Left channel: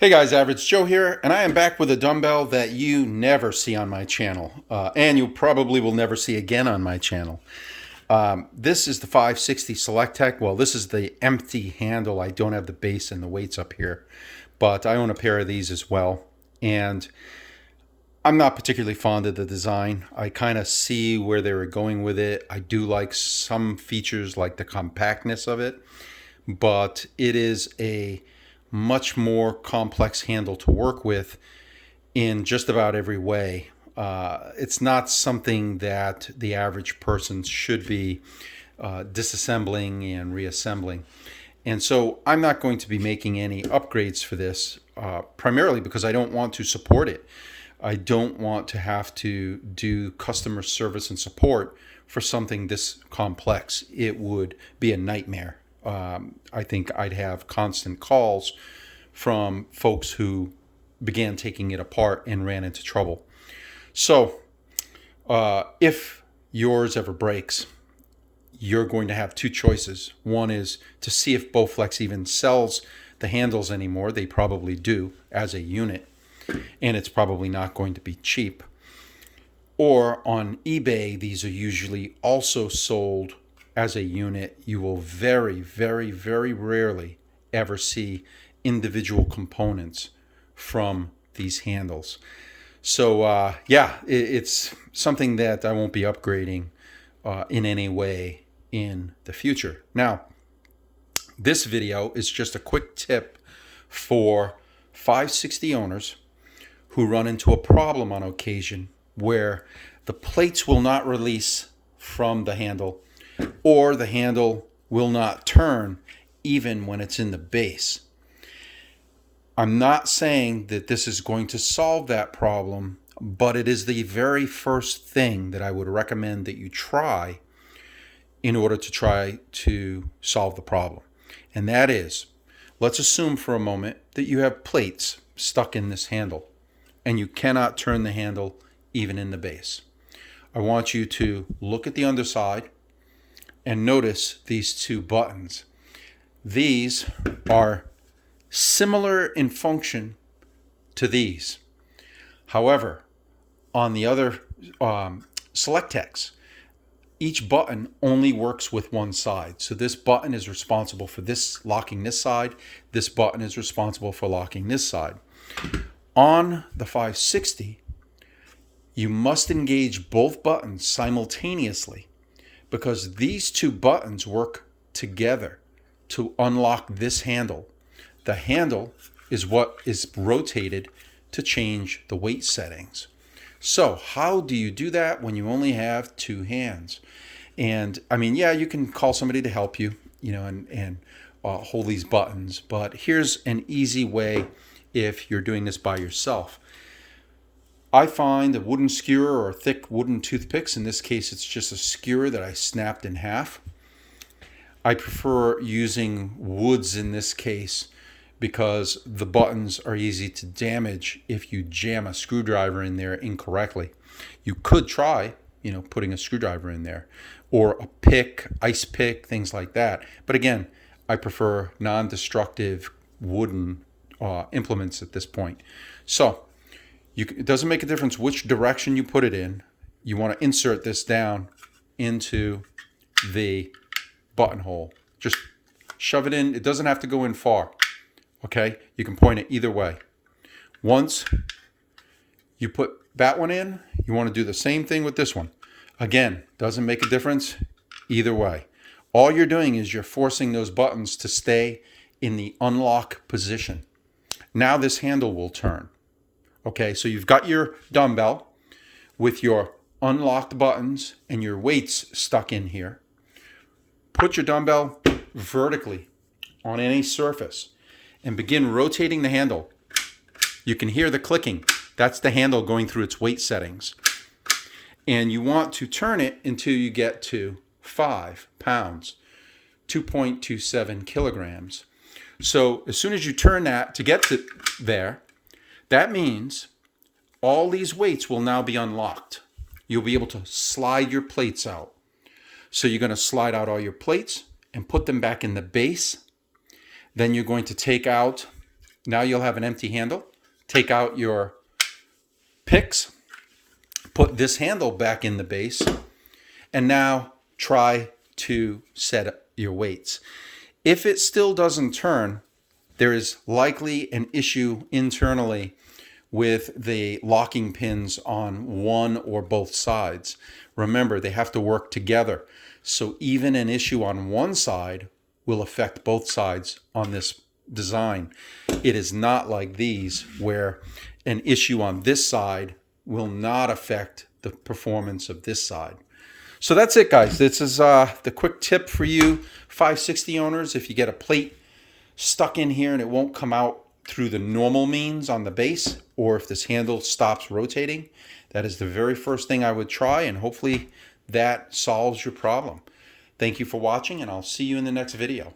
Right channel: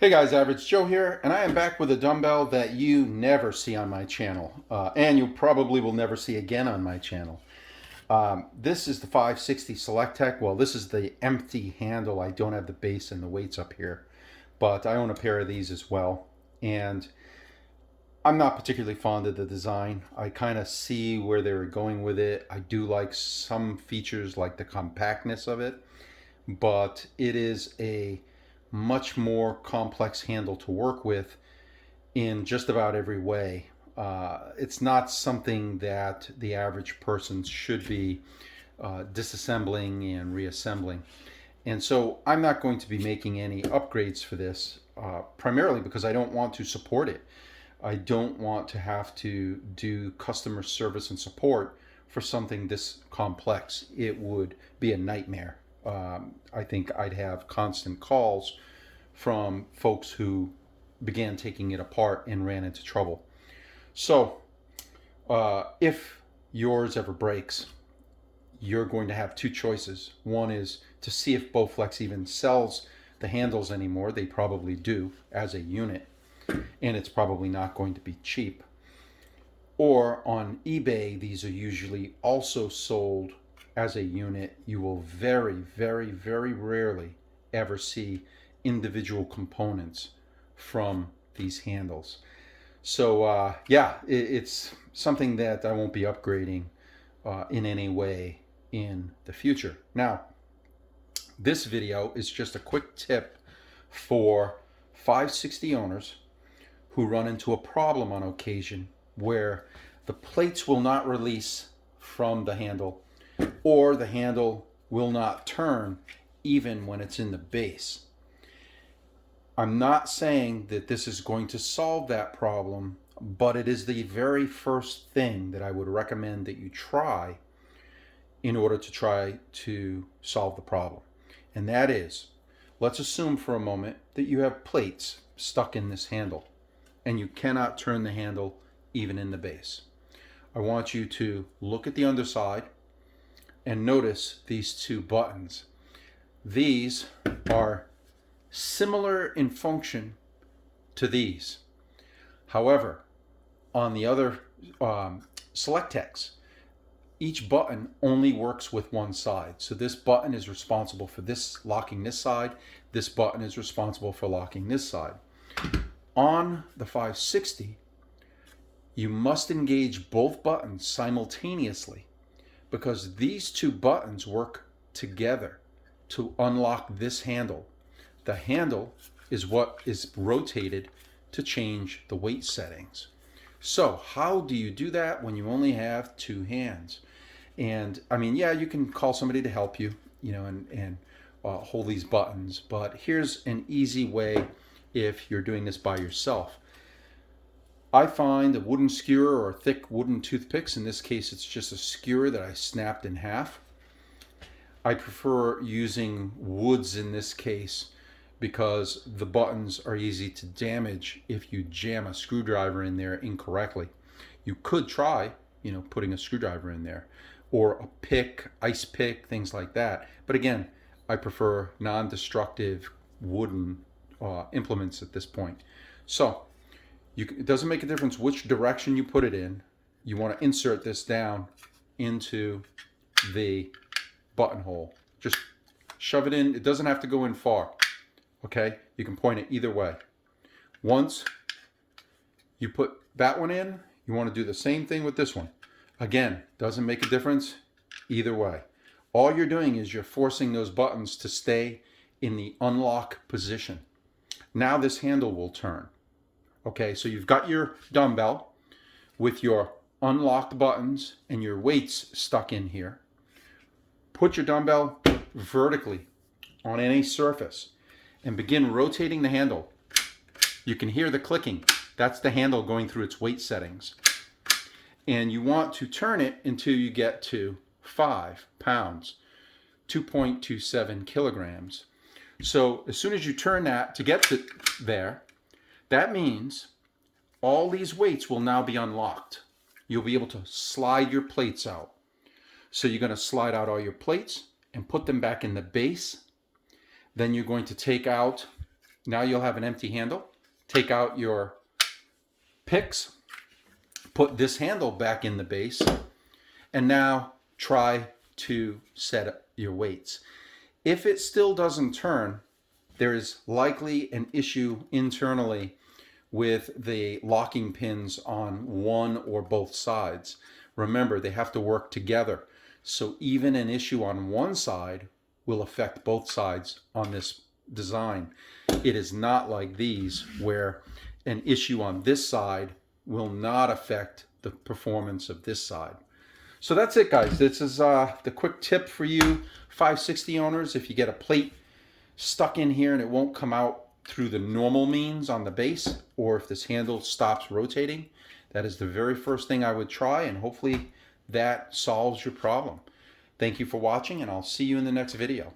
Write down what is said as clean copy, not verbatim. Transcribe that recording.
Hey guys, Average Joe here, and I am back with a dumbbell that you never see on my channel, and you probably will never see again on my channel. This is the 560 SelectTech. Well, this is the empty handle. I don't have the base and the weights up here, but I own a pair of these as well, and I'm not particularly fond of the design. I kind of see where they were going with it. I do like some features like the compactness of it, but it is a much more complex handle to work with in just about every way. It's not something that the average person should be disassembling and reassembling. And so I'm not going to be making any upgrades for this, primarily because I don't want to support it. I don't want to have to do customer service and support for something this complex. It would be a nightmare. I think I'd have constant calls from folks who began taking it apart and ran into trouble. So if yours ever breaks, you're going to have two choices. One is to see if Bowflex even sells the handles anymore. They probably do as a unit, and it's probably not going to be cheap. Or on eBay, these are usually also sold as a unit. You will very, very, very rarely ever see individual components from these handles. So it's something that I won't be upgrading in any way in the future. Now, this video is just a quick tip for 560 owners who run into a problem on occasion where the plates will not release from the handle, or the handle will not turn even when it's in the base. I'm not saying that this is going to solve that problem, but it is the very first thing that I would recommend that you try in order to try to solve the problem. And that is, let's assume for a moment that you have plates stuck in this handle and you cannot turn the handle even in the base. I want you to look at the underside and notice these two buttons. These are similar in function to these. However, on the other SelectTechs, each button only works with one side. So this button is responsible for this locking this side. This button is responsible for locking this side. On the 560, you must engage both buttons simultaneously because these two buttons work together to unlock this handle. The handle is what is rotated to change the weight settings. So how do you do that when you only have two hands? And I mean, yeah, you can call somebody to help you, and hold these buttons. But here's an easy way if you're doing this by yourself. I find a wooden skewer or thick wooden toothpicks. In this case, it's just a skewer that I snapped in half. I prefer using woods in this case because the buttons are easy to damage if you jam a screwdriver in there incorrectly. You could try, putting a screwdriver in there, or a pick, ice pick, things like that. But again, I prefer non-destructive wooden implements at this point. So it doesn't make a difference which direction you put it in. You want to insert this down into the buttonhole. Just shove it in. It doesn't have to go in far. Okay? You can point it either way. Once you put that one in, you want to do the same thing with this one. Again, doesn't make a difference either way. All you're doing is you're forcing those buttons to stay in the unlock position. Now this handle will turn. Okay, so you've got your dumbbell with your unlocked buttons and your weights stuck in here. Put your dumbbell vertically on any surface and begin rotating the handle. You can hear the clicking. That's the handle going through its weight settings. And you want to turn it until you get to 5 pounds, 2.27 kilograms. So as soon as you turn that to get to there, that means all these weights will now be unlocked. You'll be able to slide your plates out. So you're going to slide out all your plates and put them back in the base. Then you're going to take out Now you'll have an empty handle. Take out your picks, put this handle back in the base, and now try to set up your weights. If it still doesn't turn, there is likely an issue internally with the locking pins on one or both sides. Remember, they have to work together. So even an issue on one side will affect both sides on this design. It is not like these where an issue on this side will not affect the performance of this side. So that's it, guys. This is the quick tip for you 560 owners. If you get a plate stuck in here and it won't come out through the normal means on the base, or if this handle stops rotating, that is the very first thing I would try, and hopefully that solves your problem. Thank you for watching, and I'll see you in the next video.